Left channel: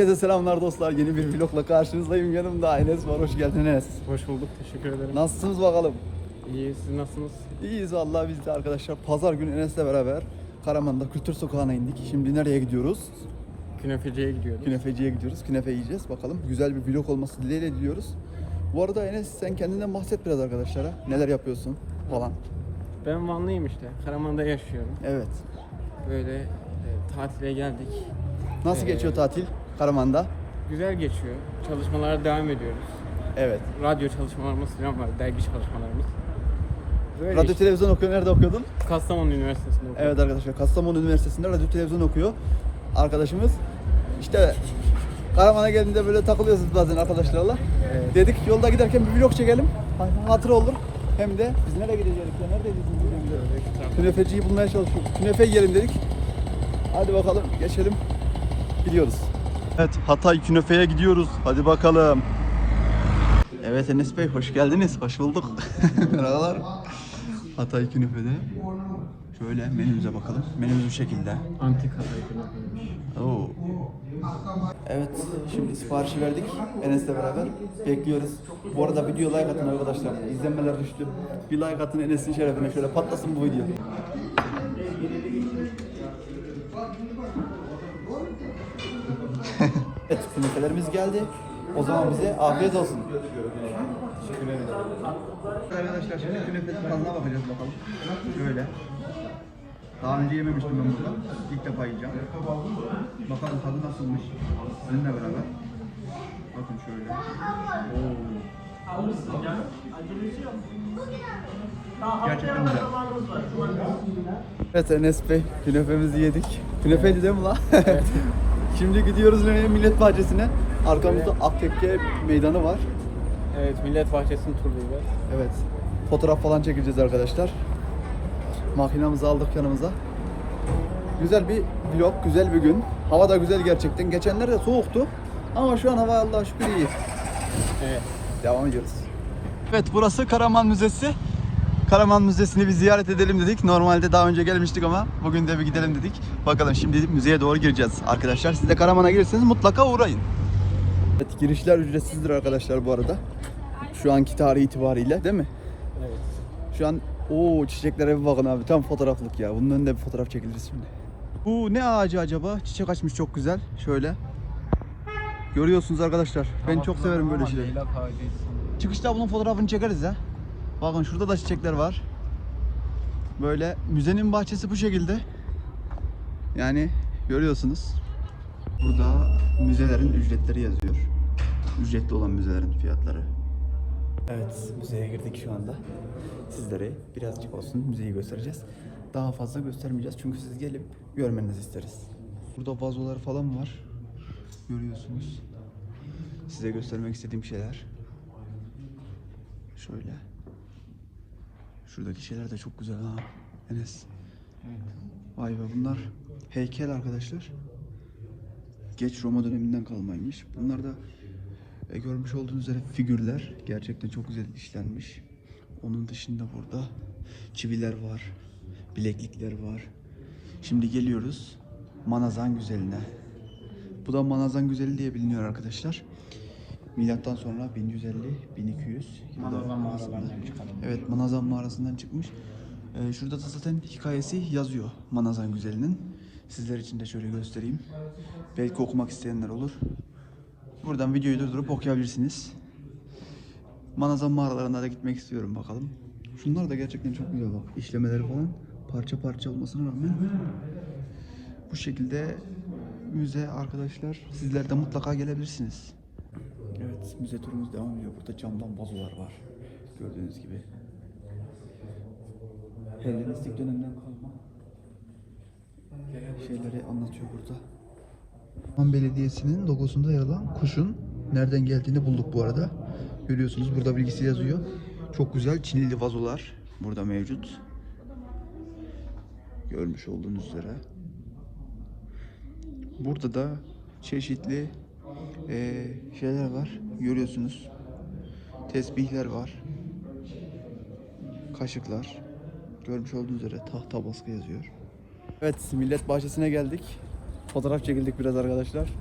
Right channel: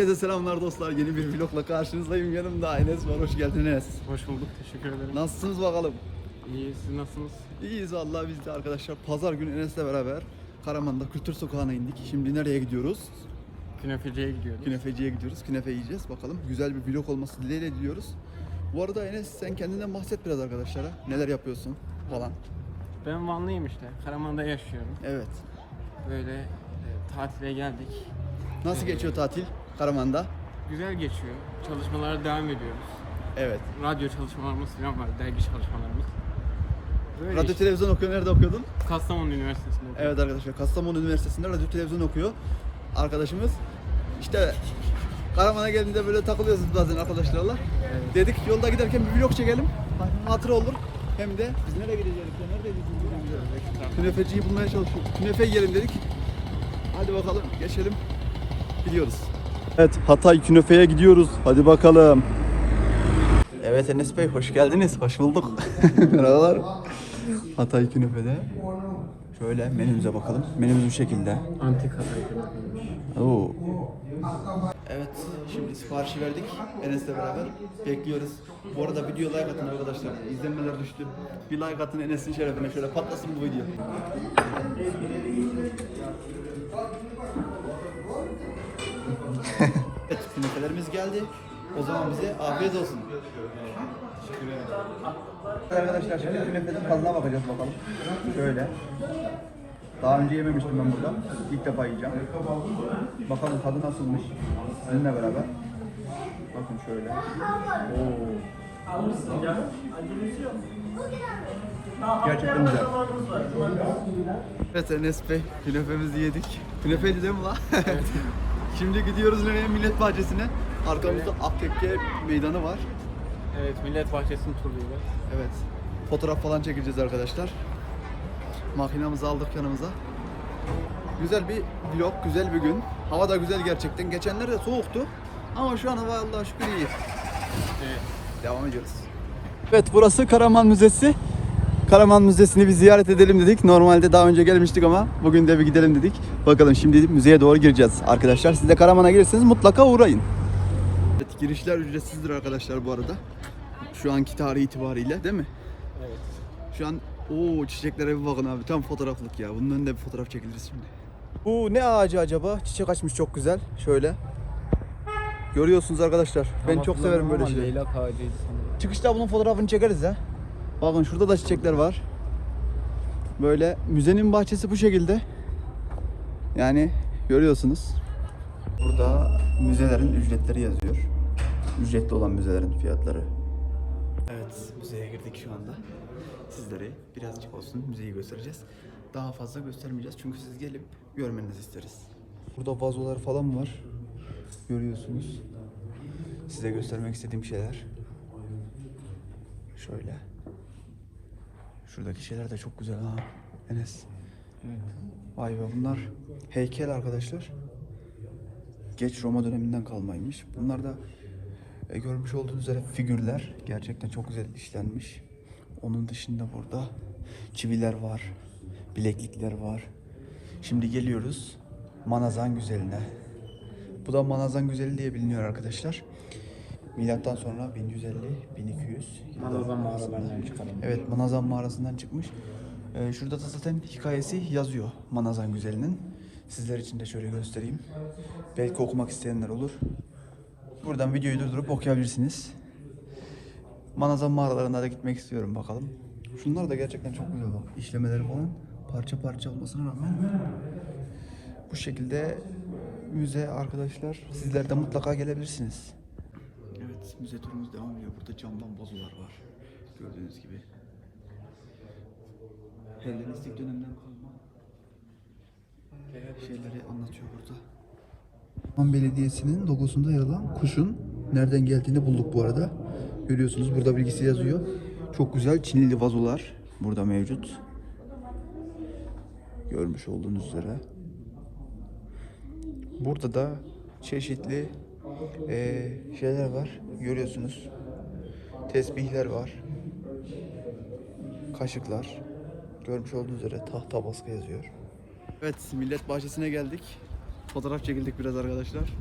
Herkese selamlar dostlar. Yeni bir vlogla karşınızdayım. Yanımda Enes var. Hoş geldin Enes. Hoş bulduk, teşekkür ederim. Nasılsınız bakalım? İyi, siz nasılsınız? İyiyiz vallahi biz de arkadaşlar. Pazar günü Enes'le beraber Karaman'da Kültür Sokağı'na indik. Şimdi nereye gidiyoruz? Künefeciye gidiyoruz. Künefeciye gidiyoruz. Künefe yiyeceğiz. Bakalım güzel bir vlog olması dileğiyle diliyoruz. Bu arada Enes sen kendinden bahset biraz arkadaşlara. Neler yapıyorsun falan. Ben Vanlıyım işte, Karaman'da yaşıyorum. Evet. Böyle e, tatile geldik. Nasıl Ee, geçiyor tatil Karaman'da? Güzel geçiyor. Çalışmalara devam ediyoruz. Evet. Radyo çalışmalarımız falan var, dergi çalışmalarımız. Böyle Radyo işte. televizyon okuyor. Nerede okuyordun? Kastamonu Üniversitesi'nde okuyorum. Evet arkadaşlar Kastamonu Üniversitesi'nde radyo televizyon okuyor arkadaşımız. İşte Karaman'a geldiğinde böyle takılıyoruz bazen arkadaşlarla. Evet. Dedik yolda giderken bir vlog çekelim. Hatır olur. Hem de biz nereye gideceğiz ya? Neredeyiz biz? Künefeciyi bulmaya çalışıyoruz. Künefe yiyelim dedik. Hadi bakalım geçelim. Gidiyoruz. Evet Hatay Künefe'ye gidiyoruz. Hadi bakalım. Evet Enes Bey hoş geldiniz. Hoş bulduk. Merhabalar. Hatay Künefe'de. Şöyle menümüze bakalım. Menümüz bu şekilde. Antika Oo. Evet, şimdi siparişi verdik Enes'le beraber. Bekliyoruz. Bu arada video like atın arkadaşlar. İzlenmeler düştü. Bir like atın Enes'in şerefine. Şöyle patlasın bu video. Evet, künefelerimiz geldi. O zaman bize afiyet olsun. Arkadaşlar şimdi künefenin tadına bakacağız bakalım. Şöyle. Daha önce yememiştim ben burada. İlk defa yiyeceğim. Bakalım tadı nasılmış. Seninle beraber. Bakın şöyle. Oo. Gerçekten güzel. Evet Enes Bey, künefemizi yedik. Künefeydi değil mi la? Şimdi gidiyoruz? Millet Bahçesi'ne. Arkamızda Aktekke meydanı var. Evet, Millet Bahçesi'ni turlayacağız. Evet. Fotoğraf falan çekeceğiz arkadaşlar. Makinamızı aldık yanımıza. Güzel bir vlog, güzel bir gün. Hava da güzel gerçekten. Geçenlerde soğuktu. Ama şu an hava Allah'a şükür iyi. Evet. Devam ediyoruz. Evet burası Karaman Müzesi. Karaman Müzesi'ni bir ziyaret edelim dedik. Normalde daha önce gelmiştik ama bugün de bir gidelim dedik. Bakalım şimdi müzeye doğru gireceğiz arkadaşlar. Siz de Karaman'a gelirseniz mutlaka uğrayın. Evet girişler ücretsizdir arkadaşlar bu arada. Şu anki tarih itibariyle değil mi? Evet. Şu an o çiçeklere bir bakın abi tam fotoğraflık ya. Bunun önünde bir fotoğraf çekiliriz şimdi. Bu ne ağacı acaba? Çiçek açmış çok güzel. Şöyle. Görüyorsunuz arkadaşlar. Ben çok severim böyle şeyleri. Leylak ağacıydı sanırım. Çıkışta bunun fotoğrafını çekeriz ya. Bakın şurada da çiçekler var. Böyle müzenin bahçesi bu şekilde. Yani görüyorsunuz. Burada müzelerin ücretleri yazıyor. Ücretli olan müzelerin fiyatları. Evet, müzeye girdik şu anda. Sizlere birazcık olsun müzeyi göstereceğiz. Daha fazla göstermeyeceğiz çünkü siz gelip görmenizi isteriz. Burada vazolar falan var. Görüyorsunuz. Size göstermek istediğim şeyler. Şöyle. Şuradaki şeyler de çok güzel ha. Enes. Vay be bunlar heykel arkadaşlar. Geç Roma döneminden kalmaymış. Bunlar da e, görmüş olduğunuz üzere figürler. Gerçekten çok güzel işlenmiş. Onun dışında burada çiviler var. Bileklikler var. Şimdi geliyoruz Manazan Güzeli'ne. Bu da Manazan Güzeli diye biliniyor arkadaşlar. Milattan sonra 1150 1200 Manazan mağaralarından çıkalım. Evet Manazan mağarasından çıkmış. Ee, şurada da zaten hikayesi yazıyor Manazan Güzeli'nin. Sizler için de şöyle göstereyim. Belki okumak isteyenler olur. Buradan videoyu durdurup okuyabilirsiniz. Manazan mağaralarına da gitmek istiyorum bakalım. Şunlar da gerçekten çok güzel bak. İşlemeleri falan parça parça olmasına rağmen bu şekilde müze arkadaşlar sizler de mutlaka gelebilirsiniz. Evet müze turumuz devam ediyor. Burada camdan vazolar var. Gördüğünüz gibi. Hellenistik dönemden kalma şeyleri anlatıyor burada. Van Belediyesi'nin logosunda yer alan kuşun nereden geldiğini bulduk bu arada. Görüyorsunuz burada bilgisi yazıyor. Çok güzel Çinili vazolar burada mevcut. Görmüş olduğunuz üzere. Burada da çeşitli eee, şeyler var. Görüyorsunuz. Tesbihler var. Kaşıklar. Görmüş olduğunuz üzere tahta baskı yazıyor. Evet, Millet Bahçesi'ne geldik. Fotoğraf çekildik biraz arkadaşlar.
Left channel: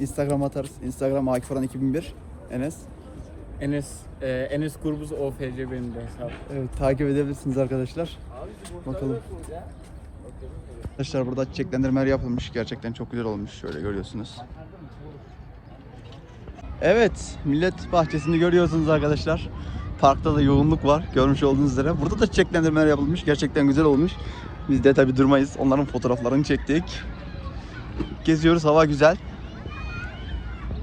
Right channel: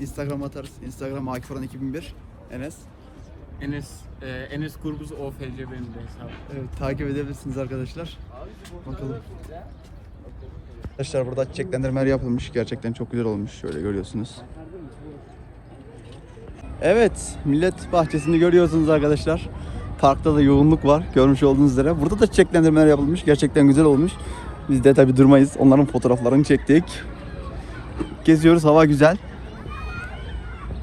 Instagram atarız. Instagram Akif Orhan 2001. Enes. Enes, e, Enes Kurbuz OFC benim de hesabım. Evet, takip edebilirsiniz arkadaşlar. Bakalım. Arkadaşlar burada çiçeklendirmeler yapılmış. Gerçekten çok güzel olmuş. Şöyle görüyorsunuz. Evet, millet bahçesini görüyorsunuz arkadaşlar. Parkta da yoğunluk var. Görmüş olduğunuz üzere. Burada da çiçeklendirmeler yapılmış. Gerçekten güzel olmuş. Biz de tabi durmayız. Onların fotoğraflarını çektik. Geziyoruz. Hava güzel.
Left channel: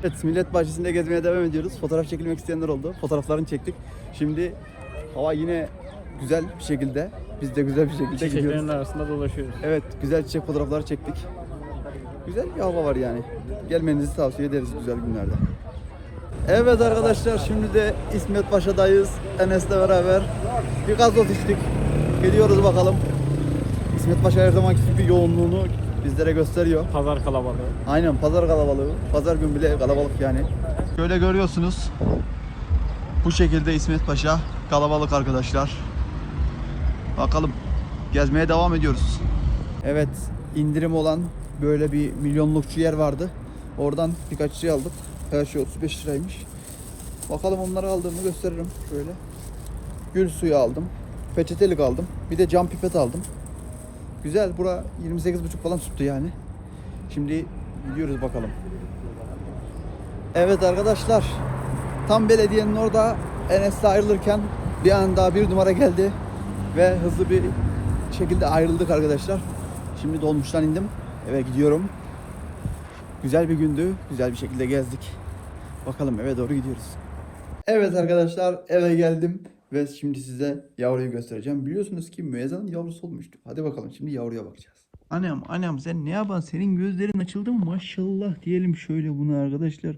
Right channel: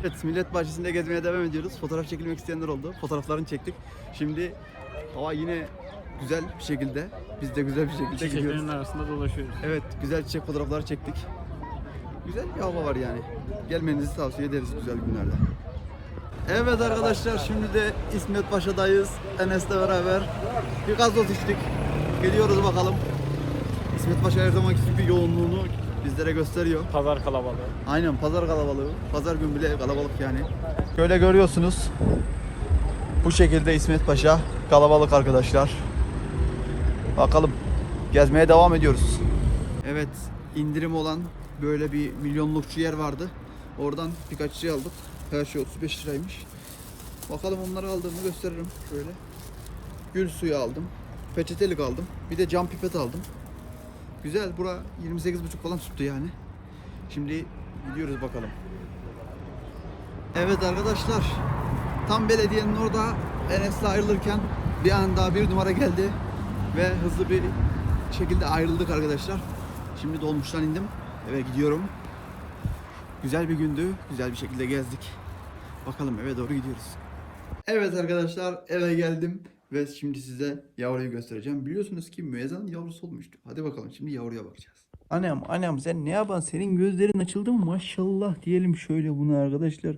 Evet, millet bahçesinde gezmeye devam ediyoruz. Fotoğraf çekilmek isteyenler oldu. Fotoğraflarını çektik. Şimdi hava yine güzel bir şekilde. Biz de güzel bir şekilde gidiyoruz. Çiçeklerin arasında dolaşıyoruz. Evet, güzel çiçek fotoğrafları çektik. Güzel bir hava var yani. Gelmenizi tavsiye ederiz güzel günlerde. Evet arkadaşlar, şimdi de İsmet Paşa'dayız. Enes'le beraber bir gazoz içtik. Gidiyoruz bakalım. İsmet Paşa her zamanki gibi yoğunluğunu bizlere gösteriyor. Pazar kalabalığı. Aynen pazar kalabalığı. Pazar günü bile kalabalık yani. Şöyle görüyorsunuz. Bu şekilde İsmet Paşa kalabalık arkadaşlar. Bakalım. Gezmeye devam ediyoruz. Evet, indirim olan böyle bir milyonlukçu yer vardı. Oradan birkaç şey aldık. Her şey 35 liraymış. Bakalım onları aldığımı gösteririm şöyle. Gül suyu aldım. Peçetelik aldım. Bir de cam pipet aldım. Güzel. Bura 28,5 falan tuttu yani. Şimdi gidiyoruz bakalım. Evet arkadaşlar. Tam belediyenin orada Enes'le ayrılırken bir anda bir numara geldi ve hızlı bir şekilde ayrıldık arkadaşlar. Şimdi dolmuştan indim. Eve gidiyorum. Güzel bir gündü. Güzel bir şekilde gezdik. Bakalım eve doğru gidiyoruz. Evet arkadaşlar eve geldim ve şimdi size yavruyu göstereceğim. Biliyorsunuz ki müezzanın yavrusu olmuştu. Hadi bakalım şimdi yavruya bakacağız. Annem annem sen ne yapan? Senin gözlerin açıldı mı? Maşallah diyelim şöyle bunu arkadaşlar.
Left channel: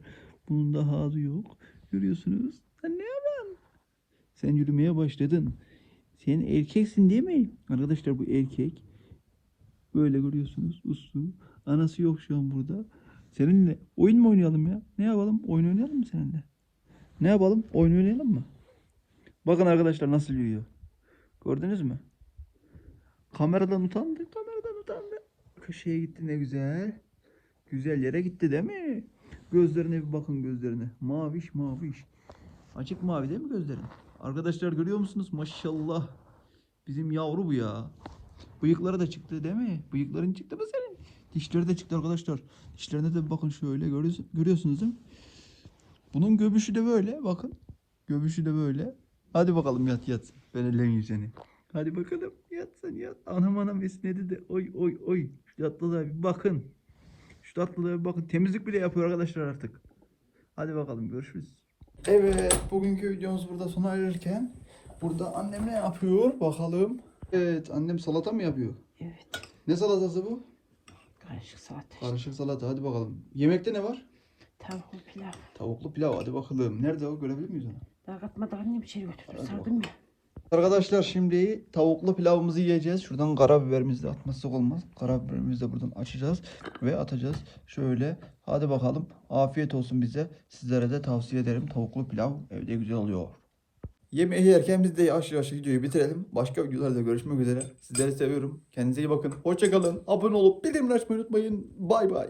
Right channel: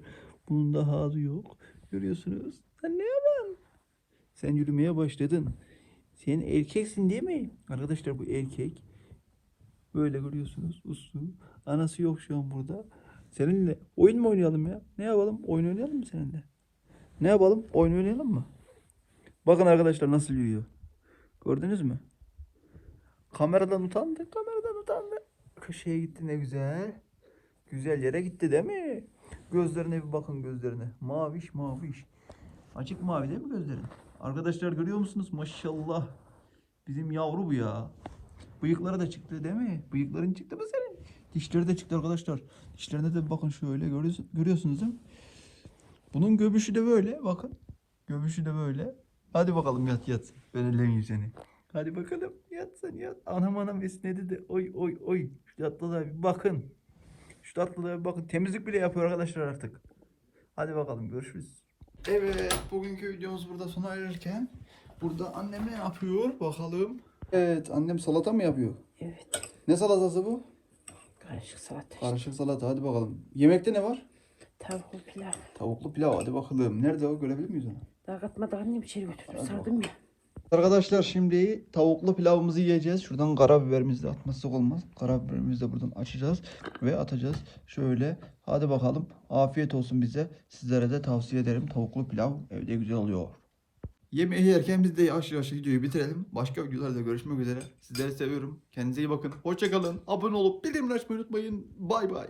Bunun da halı yok. Görüyorsunuz. Sen ne yapan? Sen yürümeye başladın. Sen erkeksin değil mi? Arkadaşlar bu erkek. Böyle görüyorsunuz. Uslu. Anası yok şu an burada. Seninle oyun mu oynayalım ya? Ne yapalım? Oyun oynayalım mı seninle? Ne yapalım? Oyun oynayalım mı? Bakın arkadaşlar nasıl yürüyor. Gördünüz mü? Kameradan utandı. Kameradan utandı. Köşeye gitti ne güzel. Güzel yere gitti değil mi? Gözlerine bir bakın gözlerine. Maviş maviş. Açık mavi değil mi gözlerin? Arkadaşlar görüyor musunuz? Maşallah. Bizim yavru bu ya. Bıyıkları da çıktı değil mi? Bıyıkların çıktı mı senin? Dişleri de çıktı arkadaşlar. Dişlerine de bakın şöyle görüyorsun- görüyorsunuz değil mi? Bunun göbüşü de böyle bakın. Göbüşü de böyle. Hadi bakalım yat yat. Ben ellemeyeyim seni. Hadi bakalım yat sen yat. Anam anam esnedi de oy oy oy. Şu tatlılığa bir bakın. Şu tatlılığa bir bakın. Temizlik bile yapıyor arkadaşlar artık. Hadi bakalım görüşürüz. Evet bugünkü videomuz burada sona erirken burada annem ne yapıyor bakalım. Evet annem salata mı yapıyor? Evet. Ne salatası bu? Karışık salata. Karışık salata hadi bakalım. Yemekte ne var? Tavuk pilav. Tavuklu pilav hadi bakalım. Nerede o görebilir miyiz onu? Daha annem içeri götürdüm. Sardım ya. Arkadaşlar şimdi tavuklu pilavımızı yiyeceğiz. Şuradan karabiberimizi de atmazsak olmaz. Karabiberimizi de buradan açacağız ve atacağız. Şöyle hadi bakalım. Afiyet olsun bize. Sizlere de tavsiye ederim. Tavuklu pilav evde güzel oluyor. Yemeği yerken biz de yavaş yavaş videoyu bitirelim. Başka videolarda görüşmek üzere. Sizleri seviyorum. Kendinize iyi bakın. Hoşçakalın. Abone olup bildirimleri açmayı unutmayın. Bay bay.